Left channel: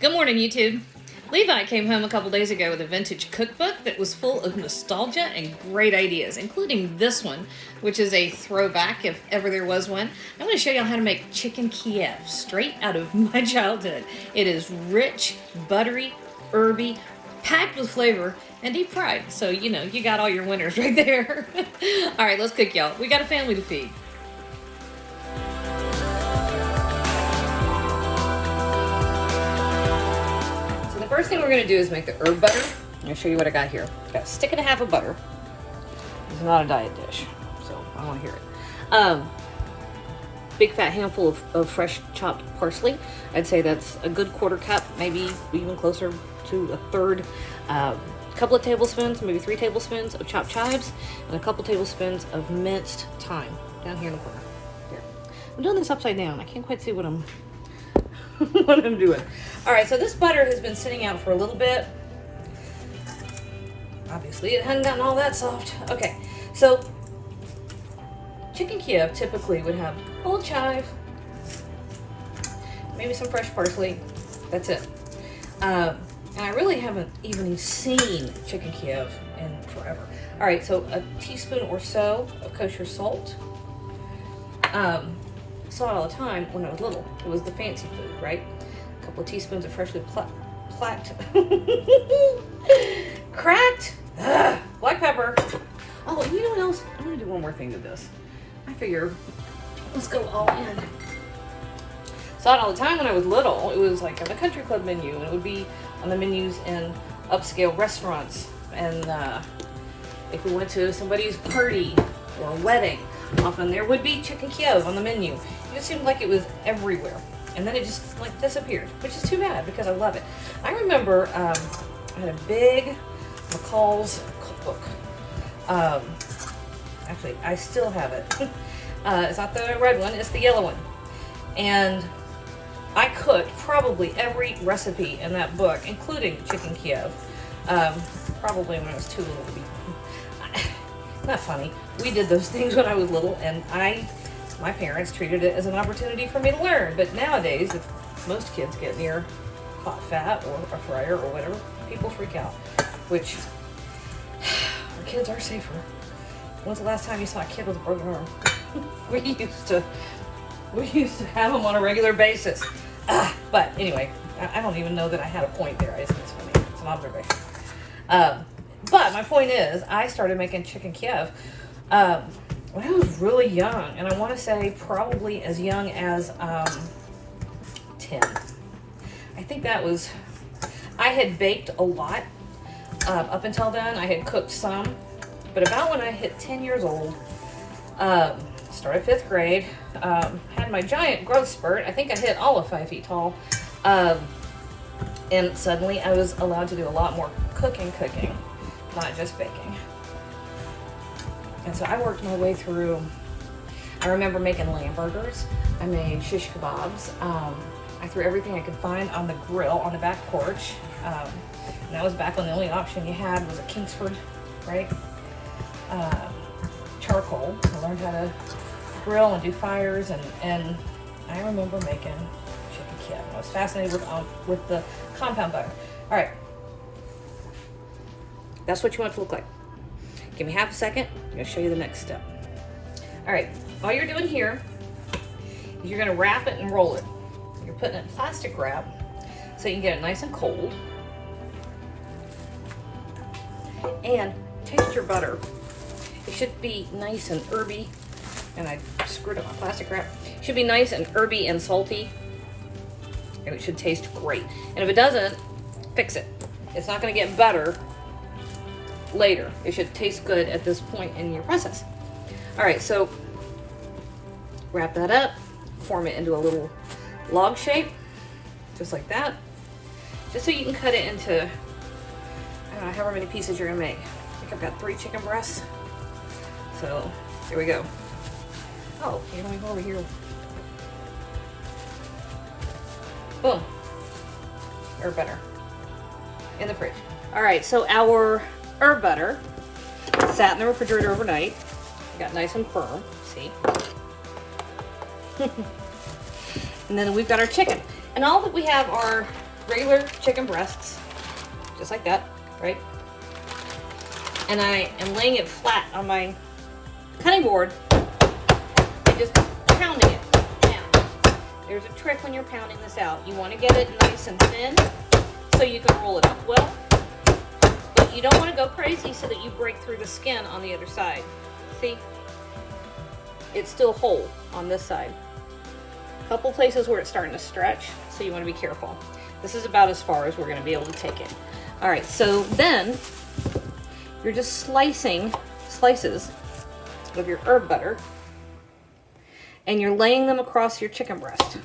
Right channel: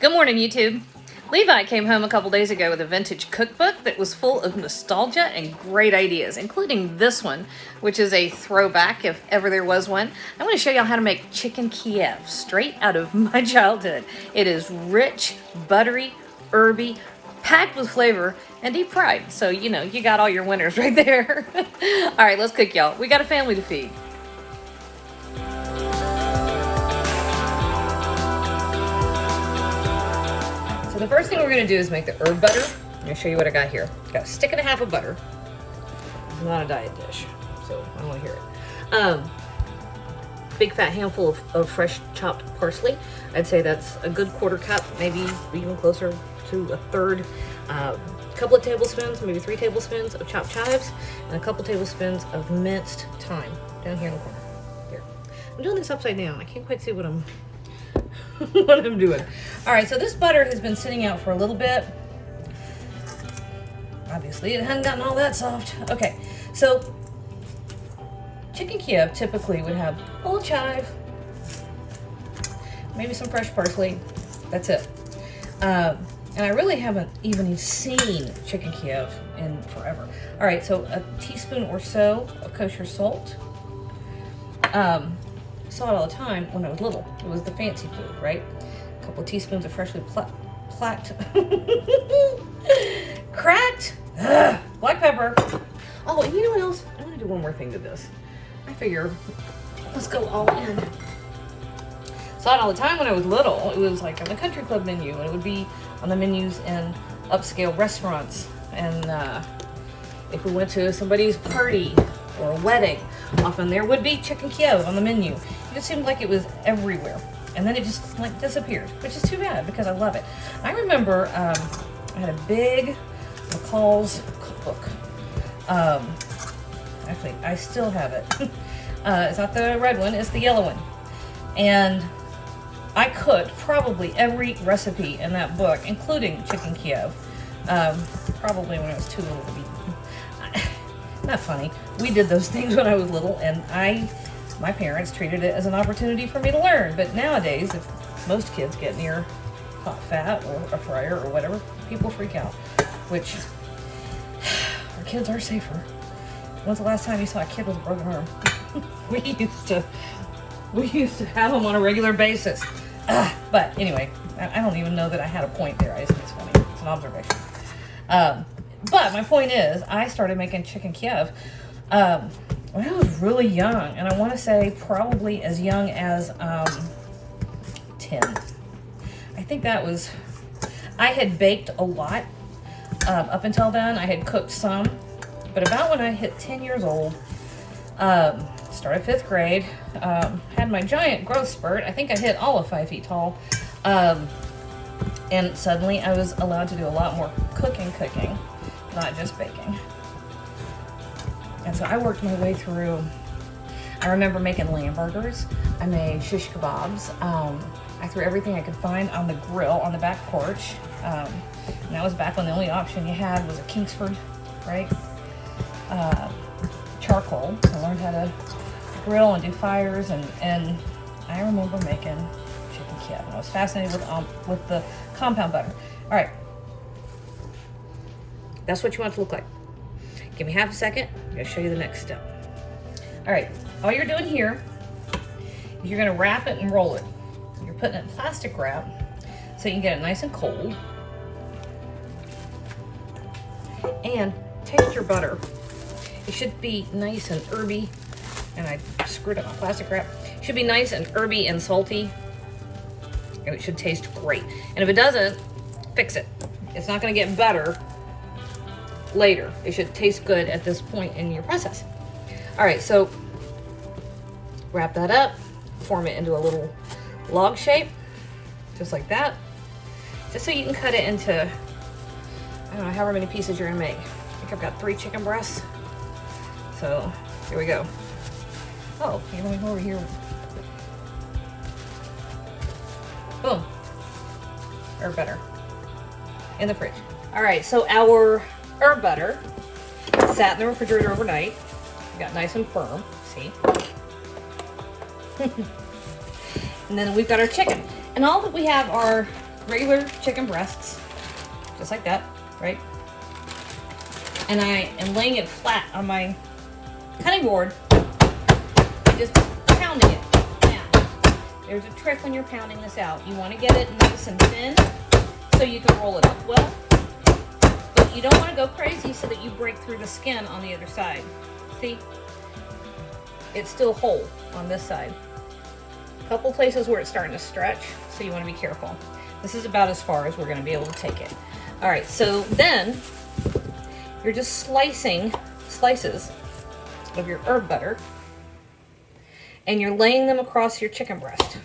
Good morning, YouTube. Levi came home a couple days ago with a vintage cookbook that was full of nostalgia and great ideas, including this one, which is a throwback if ever there was one. I'm going to show y'all how to make chicken Kiev straight out of my childhood. It is rich, buttery, herby, packed with flavor, and deep fried. So, you know, you got all your winners right there. All right, let's cook, y'all. We got a family to feed. So the first thing we're going to do is make the herb butter. I'm going to show you what I got here. Got a stick and a half of butter. It's not a diet dish, so I don't want to hear it. Big fat handful of fresh chopped parsley. I'd say that's a good quarter cup, maybe even closer to a third. A couple of tablespoons, maybe 3 tablespoons of chopped chives, and a couple tablespoons of minced thyme down here in the corner. Here. I'm doing this upside down. I can't quite see what I'm what I'm doing. All right, so this butter has been sitting out for a little bit. Obviously, it hadn't gotten all that soft. Okay, so chicken Kiev typically would have a little chive, maybe some fresh parsley. That's it. And I really haven't even seen chicken Kiev in forever. All right, so a teaspoon or so of kosher salt. Saw it all the time when I was little. It was the fancy food, right? A couple of teaspoons of freshly cracked black pepper. Oh, and you know what else? I'm gonna do one more thing to this. I figure let's go all in. Saw it all the time when I was little. It was like on the country club menu, and it would be on the menus in upscale restaurants. And if we went to somebody's party or a wedding, often there would be chicken Kiev on the menu. It just seemed like it was everywhere. And then it just like disappeared, which is too bad because I love it. I remember I had a big McCall's cookbook. Actually, I still have it. It's not the red one, it's the yellow one. And I cooked probably every recipe in that book, including chicken Kiev, probably when I was too little to be. Not funny. We did those things when I was little, and my parents treated it as an opportunity for me to learn. But nowadays, if most kids get near hot fat or a fryer or whatever, people freak out, which our kids are safer. When's the last time you saw a kid with a broken arm? We used to have them on a regular basis. But anyway, I don't even know that I had a point there. It's funny. It's an observation. But my point is, I started making chicken Kiev when I was really young, and I want to say probably as young as 10. I think that was. I had baked a lot up until then. I had cooked some, but about when I hit 10 years old, started 5th grade, had my giant growth spurt. I think I hit all of 5 feet tall, and suddenly I was allowed to do a lot more cooking, not just baking. And so I worked my way through. I remember making lamb burgers. I made shish kebabs. I threw everything I could find on the grill on the back porch. And that was back when the only option you had was a Kingsford, right? Charcoal. I learned how to grill and do fires, and I remember making chicken Kiev. I was fascinated with the compound butter. All right. That's what you want it to look like. Give me half a second. I'm going to show you the next step. All right. All you're doing here is you're going to wrap it and roll it. You're putting it in plastic wrap so you can get it nice and cold. And taste your butter. It should be nice and herby. And I screwed up my plastic wrap. It should be nice and herby and salty. And it should taste great. And if it doesn't, fix it. It's not going to get better later. It should taste good at this point in your process. All right, so wrap that up, form it into a little log shape, just like that, just so you can cut it into, I don't know, however many pieces you're gonna make. I think I've got 3 chicken breasts. So here we go. Oh, you're gonna go over here. Boom. Or better. In the fridge. All right, so our herb butter sat in the refrigerator overnight. It got nice and firm, see? And then we've got our chicken. And all that we have are regular chicken breasts, just like that, right? And I am laying it flat on my cutting board, just pounding it. Now, there's a trick when you're pounding this out. You want to get it nice and thin so you can roll it up well. But you don't want to go crazy so that you break through the skin on the other side. See? It's still whole on this side. A couple places where it's starting to stretch, so you want to be careful. This is about as far as we're going to be able to take it. All right, so then you're just slicing slices of your herb butter, and you're laying them across your chicken breast.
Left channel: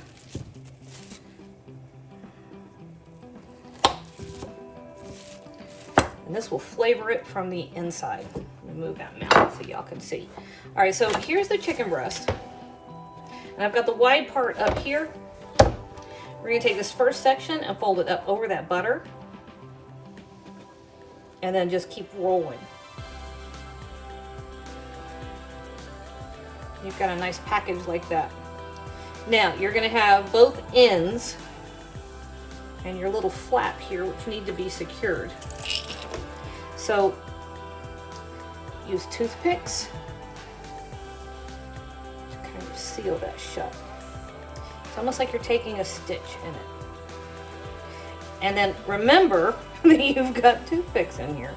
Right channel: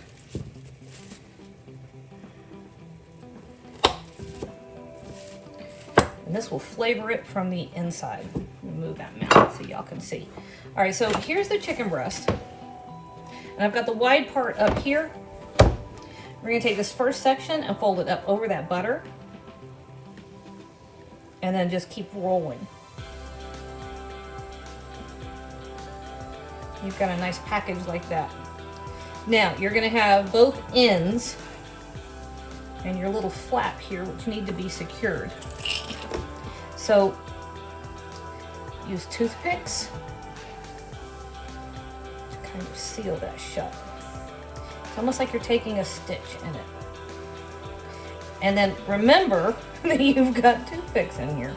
And this will flavor it from the inside. Let me move that now so y'all can see. All right, so here's the chicken breast. And I've got the wide part up here. We're gonna take this first section and fold it up over that butter. And then just keep rolling. You've got a nice package like that. Now, you're gonna have both ends and your little flap here, which need to be secured. So, use toothpicks to kind of seal that shut. It's almost like you're taking a stitch in it. And then remember that you've got toothpicks in here.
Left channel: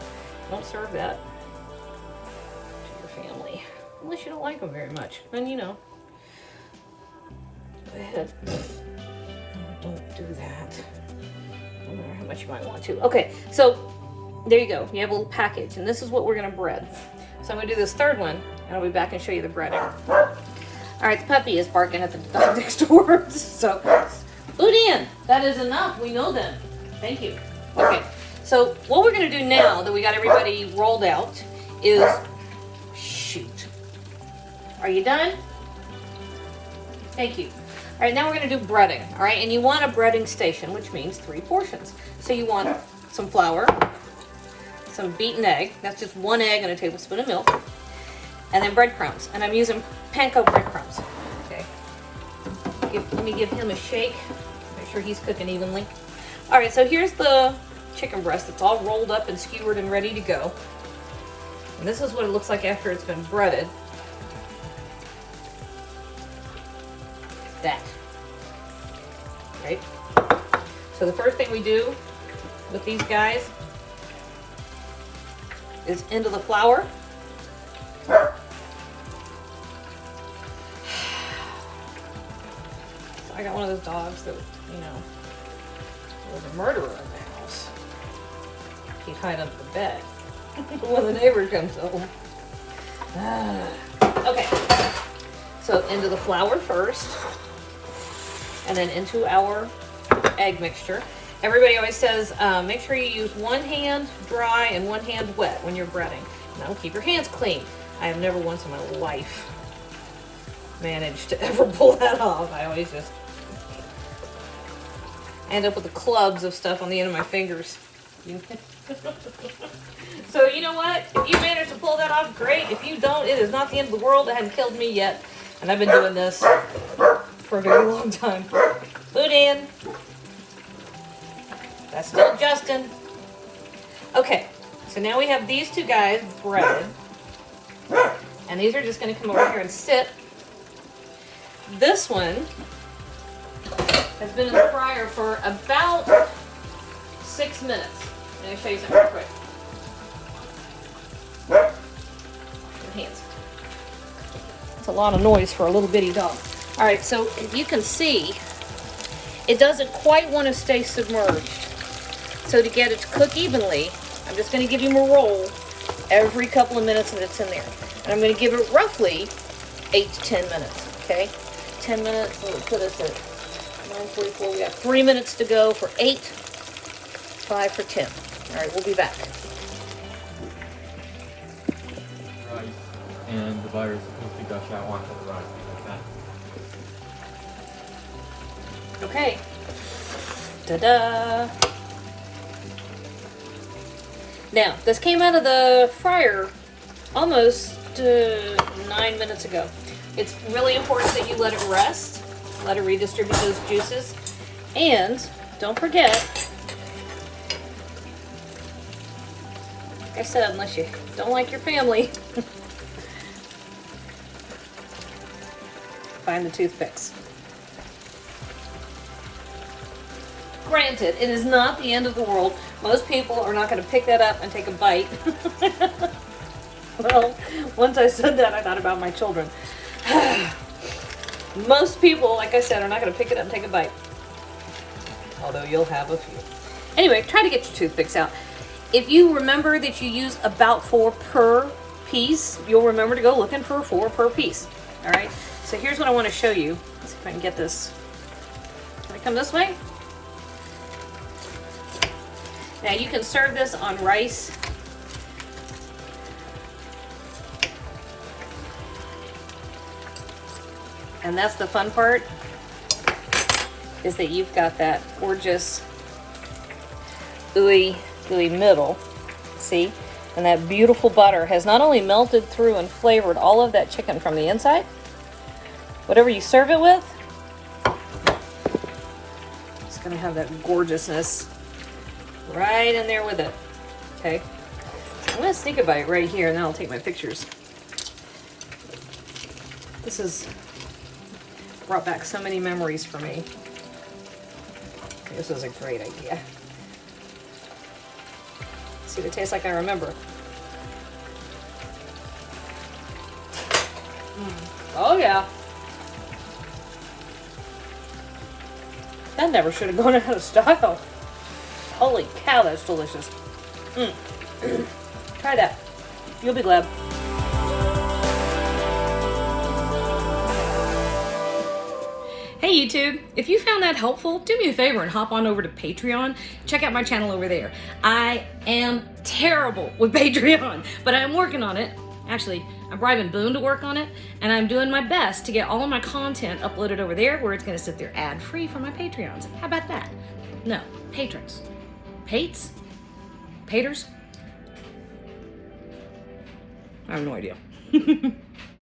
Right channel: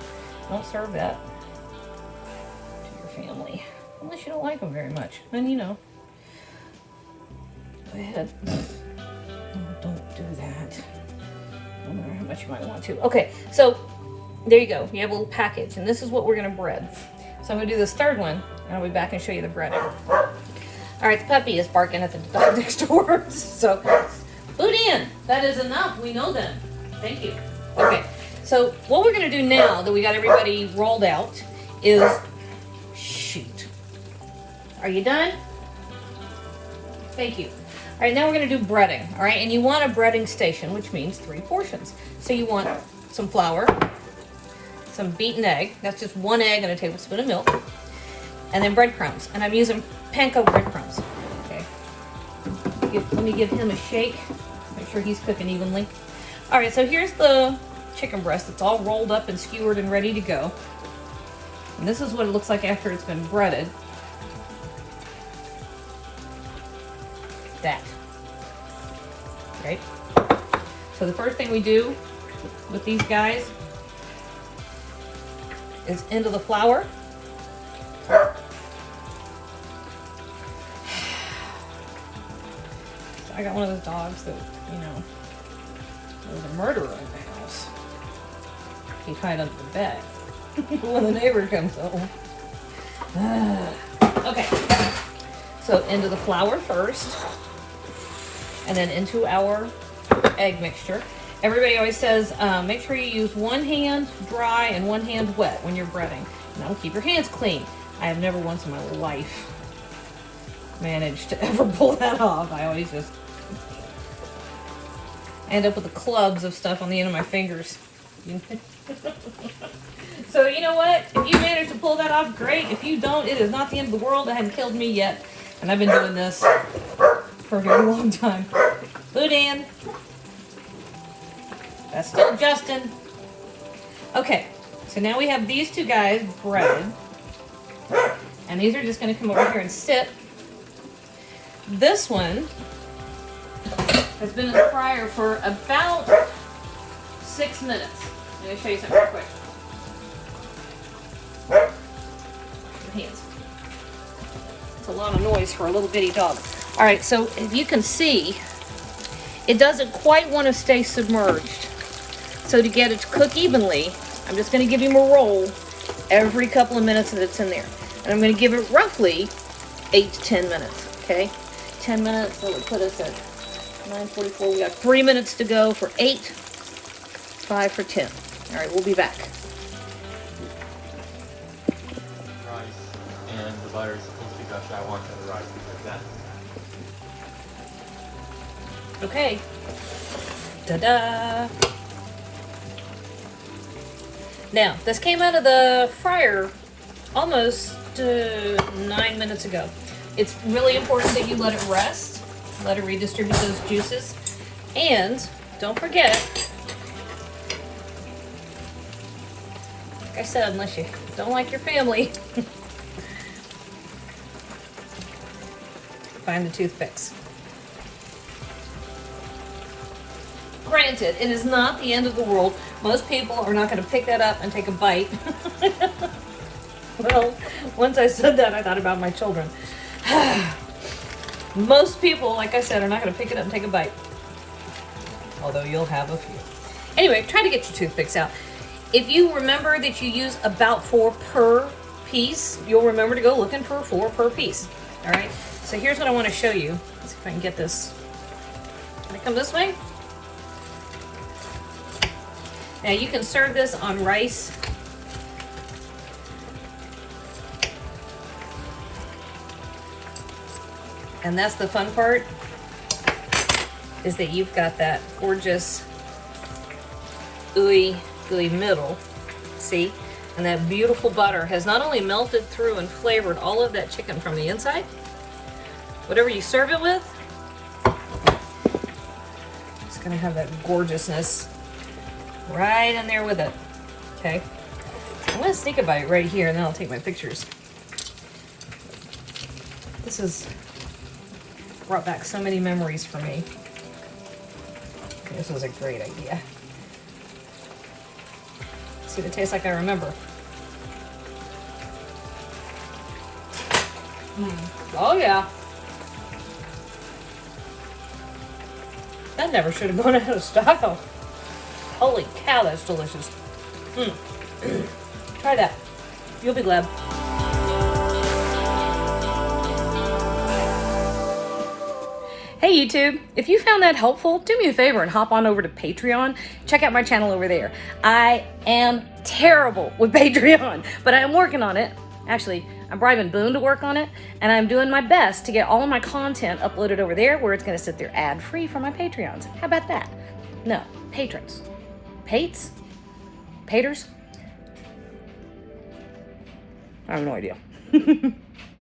Don't serve that to your family. Unless you don't like them very much. Then, you know, go ahead. No, don't do that. No matter how much you might want to. Okay, so there you go. You have a little package. And this is what we're going to bread. So I'm going to do this third one. And I'll be back and show you the breading. All right, the puppy is barking at the dog next door. So, boot in. That is enough. We know them. Thank you. Okay, so what we're going to do now that we got everybody rolled out is shoot. Are you done? Thank you. All right, now we're going to do breading. All right, and you want a breading station, which means 3 portions. So you want some flour, some beaten egg. That's just 1 egg and a tablespoon of milk. And then breadcrumbs. And I'm using panko breadcrumbs. Okay. Let me give him a shake. Make sure he's cooking evenly. All right, so here's the chicken breast. It's all rolled up and skewered and ready to go. And this is what it looks like after it's been breaded. That. Right? So the first thing we do with these guys is into the flour. I got one of those dogs that, you know, was a murderer in the house. He'd hide under the bed when the neighbor comes home. Okay, so into the flour first, and then into our egg mixture. Everybody always says, make sure you use 1 hand dry and 1 hand wet when you're breading. Now keep your hands clean. I have never once in my life managed to ever pull that off. I always just end up with the clubs of stuff on the end of my fingers. So you know what? If you manage to pull that off, great. If you don't, it is not the end of the world. It hasn't killed me yet. And I've been doing this for a very long time. Boot in. That's still Justin. Okay, so now we have these 2 guys breaded. And these are just going to come over here and sit. This one has been in the fryer for about 6 minutes. Let me show you something real quick. Your hands. That's a lot of noise for a little bitty dog. All right, so as you can see, it doesn't quite want to stay submerged. So to get it to cook evenly, I'm just going to give him a roll every couple of minutes that it's in there. And I'm going to give it roughly 8 to 10 minutes, okay? 10 minutes, that would put us at 9:44. We got 3 minutes to go for 8, 5 for 10. All right, we'll be back. Rice and the butter is supposed to be gushed out onto the rice like that. Okay. Ta-da! Now, this came out of the fryer almost 9 minutes ago. It's really important that you let it rest, let it redistribute those juices, and don't forget, like I said, unless you don't like your family, find the toothpicks. Granted, it is not the end of the world. Most people are not going to pick that up and take a bite. Well, once I said that, I thought about my children. Most people, like I said, are not going to pick it up and take a bite. Although you'll have a few. Anyway, try to get your toothpicks out. If you remember that you use about 4 per piece, you'll remember to go looking for 4 per piece. All right, so here's what I want to show you. Let's see if I can get this. Can I come this way? Now you can serve this on rice. And that's the fun part, is that you've got that gorgeous gooey middle, see? And that beautiful butter has not only melted through and flavored all of that chicken from the inside, whatever you serve it with, it's gonna have that gorgeousness right in there with it, okay? I'm gonna sneak a bite right here and then I'll take my pictures. This has brought back so many memories for me. This was a great idea. See, it tastes like I remember. Oh yeah. That never should have gone out of style. Holy cow, that's delicious. Try that. You'll be glad. Hey YouTube, if you found that helpful, do me a favor and hop on over to Patreon. Check out my channel over there. I am terrible with Patreon, but I'm working on it. Actually, I'm bribing Boone to work on it, and I'm doing my best to get all of my content uploaded over there where it's gonna sit there ad-free for my Patreons. How about that? No, patrons. Pates? Paters? I have no idea.